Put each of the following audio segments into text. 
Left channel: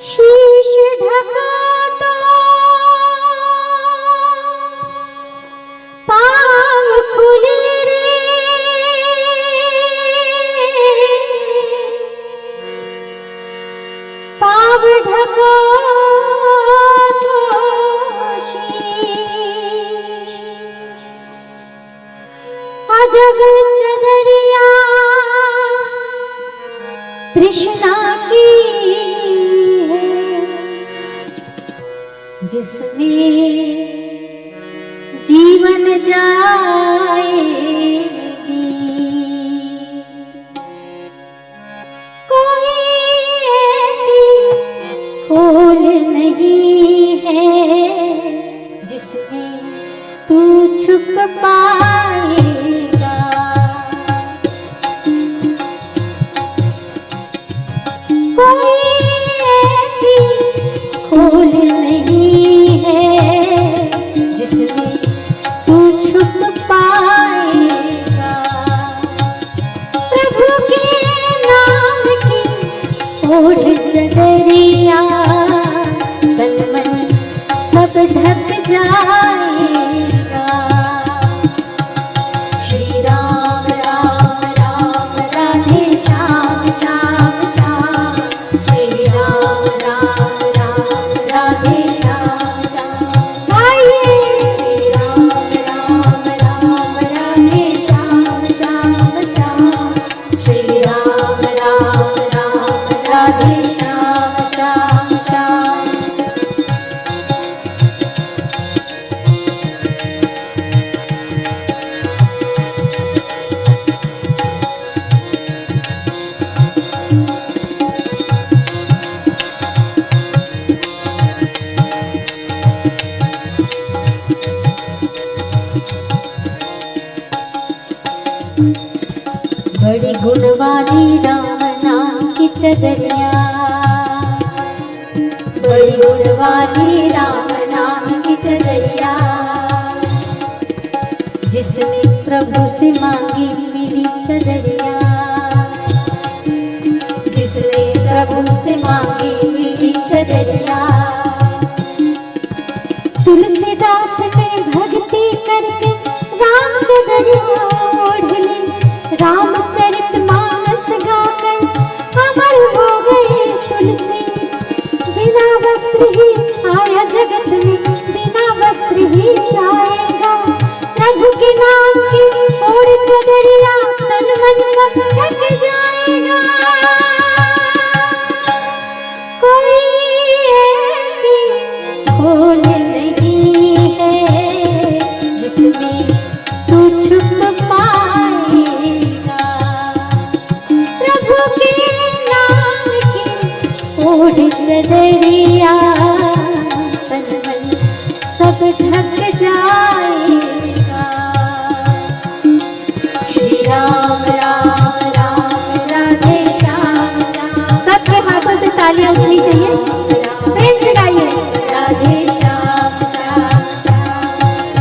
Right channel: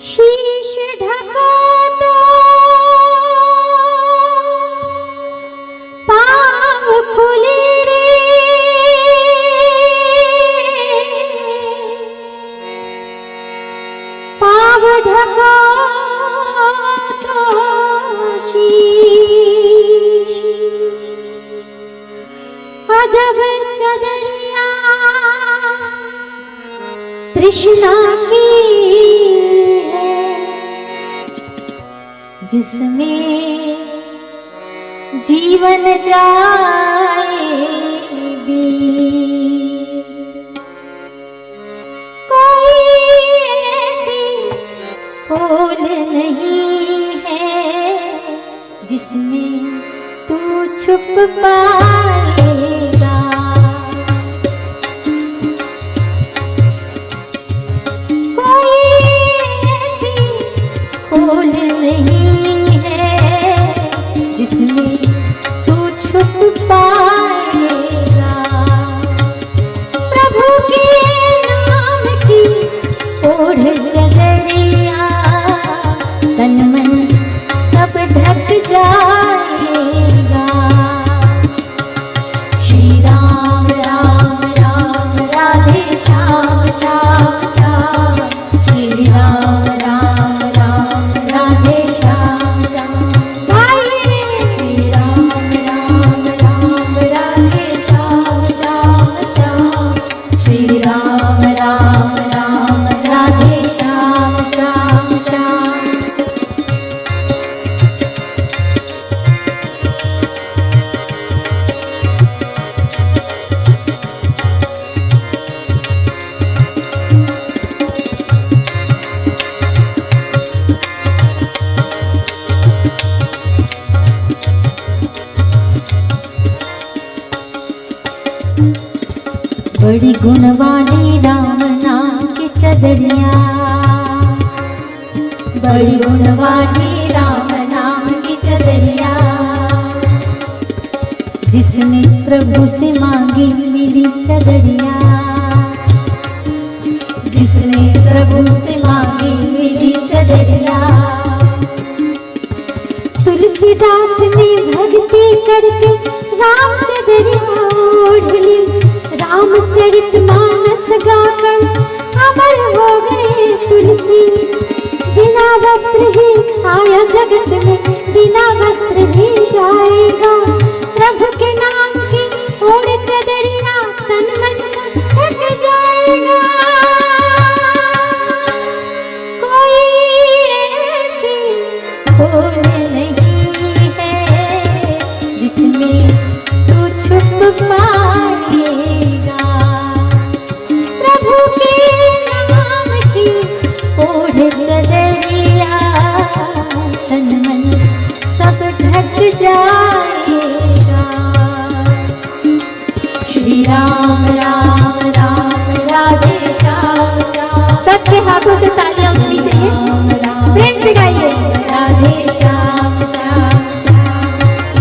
शीश ढका तो पाँव खुले रे, पाँव ढका तो शीश। अजब चदरिया तृष्णा की जिसमें जीवन जाए बीत। कोई ऐसी खोल नहीं है जिसमें तू छुप पाएगा। कोई ऐसी खोल नहीं है जिसमें तू छुप पाएगा। प्रभु के नाम की ओढ़ चदरिया तन मन सब ढक जाएगा। श्री राम राम राम राधे श्याम श्याम श्याम। श्री राम राम राम राधे श्याम श्याम। गाइए श्री राम राम राम राधे श्याम श्याम श्याम। श्री राम राम राम राधे श्याम श्याम श्याम। बड़ी गुण वाली राम नाम की चदरिया, बड़ी गुण वाली राम नाम की चदरिया। जिसने प्रभु से मांगी मिली चदरिया, जिसने प्रभु से मांगी मिली चदरिया। तुलसीदास ने भक्ति करके राम चदरिया ओढ़ ली। रामचरितमानस गाकर अमर हो गए तुलसी। बिना वस्त्र ही आया जगत में, बिना वस्त्र ही जाएगा। प्रभु के नाम की ओढ़ चदरिया तन मन सब ढक जाएगा। कोई ऐसी खोल नहीं है जिसमें तू छुप पाएगा। प्रभु के नाम की ओढ़ चदरिया तन मन सब ढक जाएगा। श्री राम राम राम राधे श्याम श्याम। सबके हाथों से तालियां उठनी चाहिए, प्रेम से गाइए। राधे श्याम श्याम श्याम।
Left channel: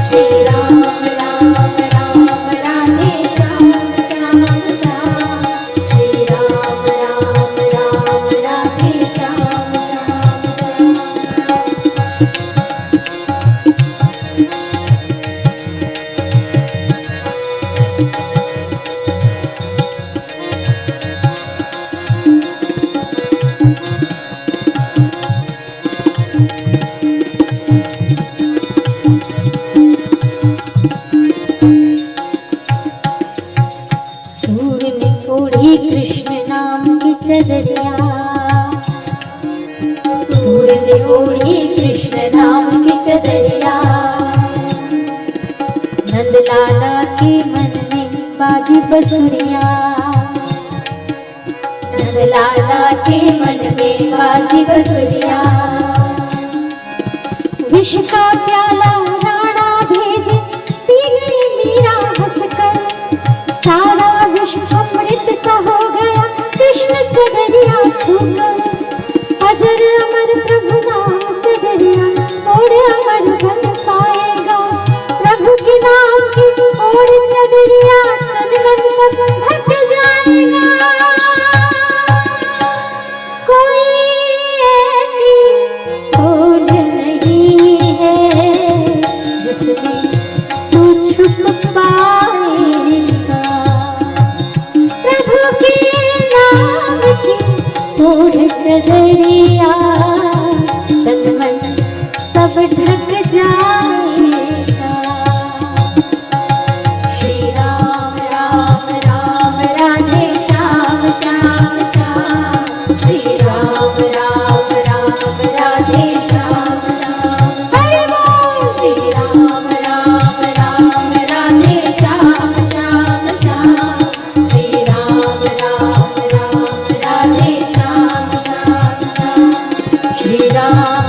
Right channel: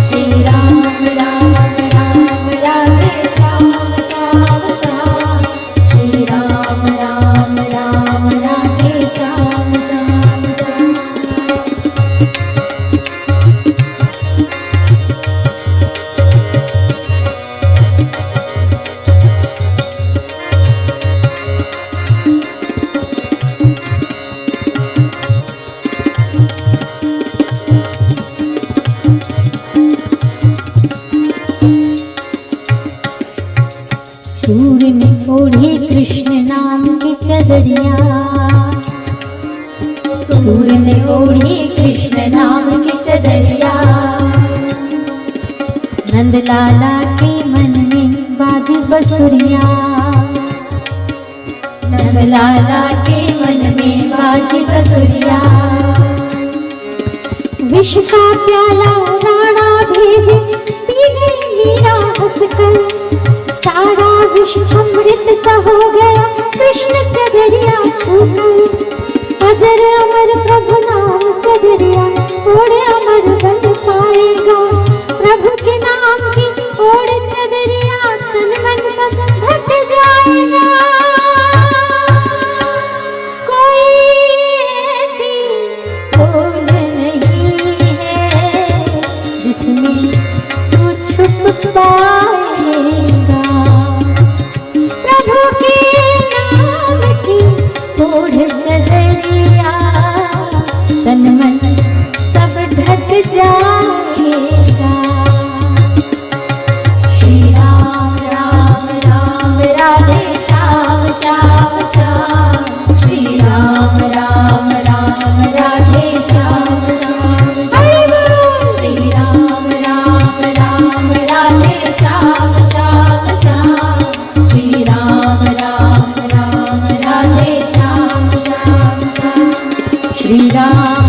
श्री राम राम राम राधे श्याम श्याम श्याम। श्री राम राम राम राधे श्याम श्याम श्याम। सूर्य ने ओढ़ी कृष्ण नाम की चदरिया, सूर्य ने ओढ़ी कृष्ण नाम की चदरिया। नंदलाला के मन में बाजी बसुरिया, नंदलाला के मन में बाजी बसुरिया। विष का प्याला राणा भेजे पी गई मीरा हंसकर। सारा विष अमृत सा हो गया कृष्ण चदरिया छूकर। अजर अमर प्रभु नाम चदरिया ओढ़े अमर बन पाएगा। प्रभु के नाम की ओढ़ चदरिया तन मन सब ढक जाएगा। कोई ओढ़ चदरिया तन मन सब ढक जाएगा। श्री राम राम राम राधे श्याम श्याम श्याम। श्री राम राम राम राधे श्याम श्याम श्याम। श्री राम राम राम राधे श्याम श्याम श्याम। श्री राम राम राम राधे श्याम श्याम श्याम। श्री राम